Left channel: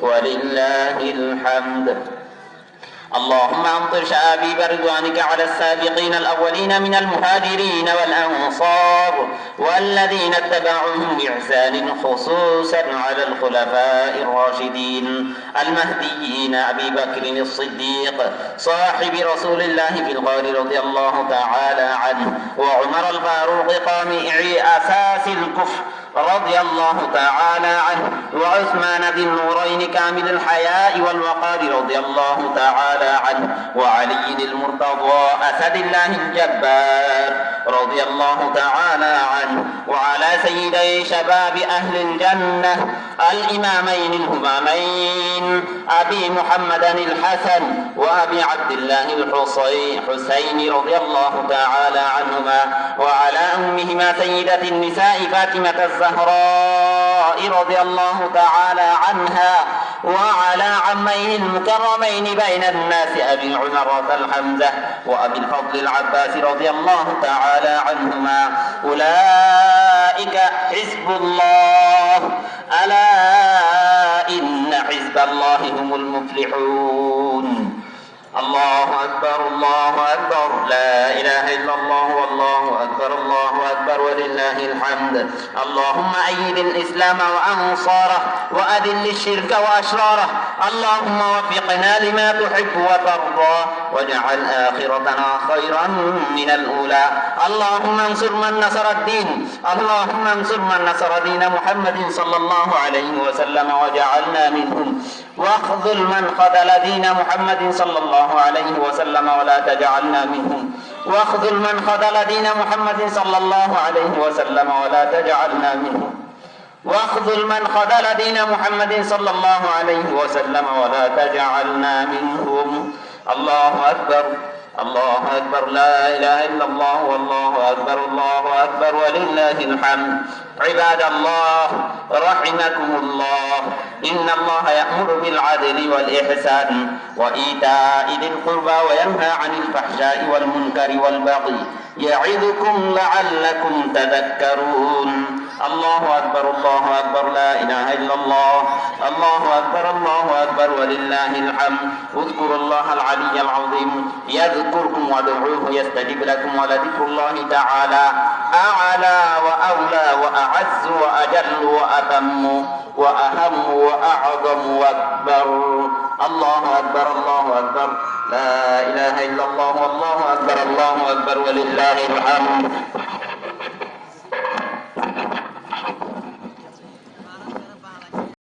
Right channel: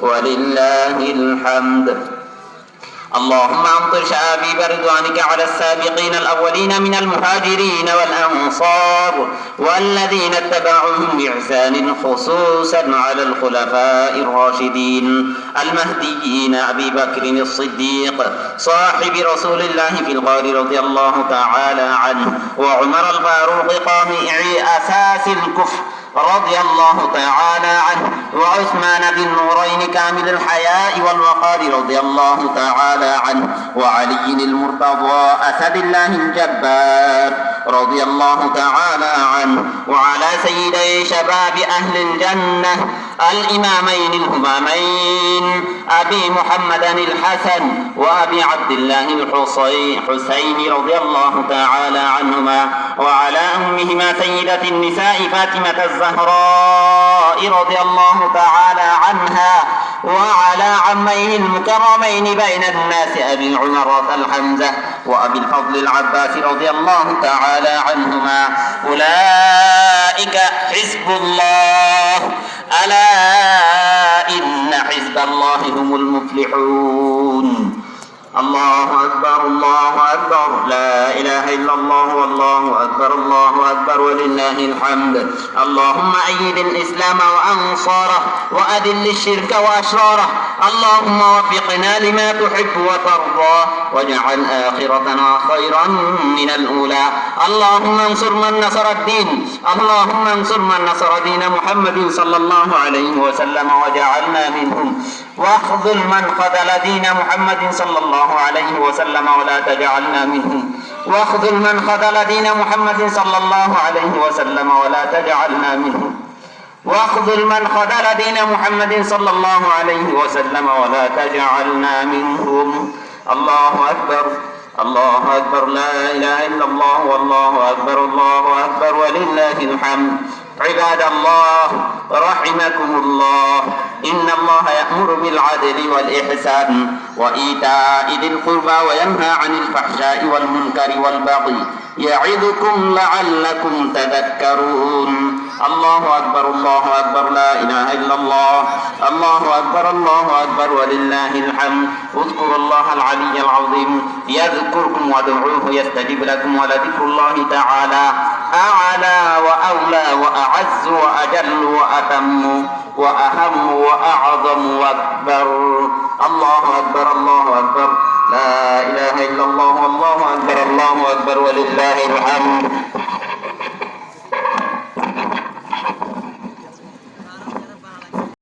ولله الحمد. اللهم أمطر شآبيب رضوانك على السابقين الأولين من المهاجرين والأنصار والذين اتبعوهم بإحسان خصوصا على الخلفاء الراشدين المهديين أبي بكر الصديق صاحب رسول الله في الغار رضي الله تعالى عنه وعمر الفاروق قامع أساس الكفر رضي الله تعالى وعثمان ذي النورين كامل الحياء والوقار رضي الله تعالى عنه وعلي المرتضى أسد الله الجبار رضي الله تعالى عنه وعلى سيدي شباب أهل الجنة الإمامين الهمامين أبي محمد الحسن وأبي عبد الله الحسين رضي الله تعالى عنهما وعلى أمهما سيدة النساء فاطمة الزهراء رضي الله تعالى عنها وعلى عميه المكرمين بين الناس أبي العمرة الحمزة وأبي الفضل العباس رضي الله تعالى عنهما. أولئك حزب الله. ألا إن حزب الله هم المفلحون. الله أكبر الله أكبر. لا إله إلا الله والله أكبر الله أكبر ولله الحمد. اللهم أيد الإسلام وأنصاره وأذل الشرك وأشراره. اللهم وفقنا لما تحب وترضى. واجعل آخرتنا خيرا من الأولى. اللهم انصر من نصر الدين. اللهم انصر من نصر دين محمد صلى الله عليه وسلم وجعلنا منهم. واخذل من خذل دين محمد صلى الله عليه وسلم ولا تجعلنا منهم. واخذل من خذل دين محمد صلى الله عليه وسلم ولا تجعلنا منهم. واخذل من خذل دين محمد صلى الله عليه وسلم ولا تجعلنا منهم. الله أكبر. الله أكبر لا إله إلا الله والله أكبر الله أكبر ولله الحمد. عباد الله رحمكم الله. إن الله يأمر بالعدل والإحسان وإيتاء ذي القربى وينهى عن الفحشاء والمنكر والبغي يعظكم لعلكم تذكرون. الله أكبر الله أكبر لا إله إلا الله. الله أكبر الله أكبر ولله الحمد. اذكروا الله العلي العظيم. يذكركم وادعوه يستجب لكم ولذكر الله تعالى. أعلى وأولى وأعز وأجل وأتم وأهم وأعظم وأكبر. الله أكبر الله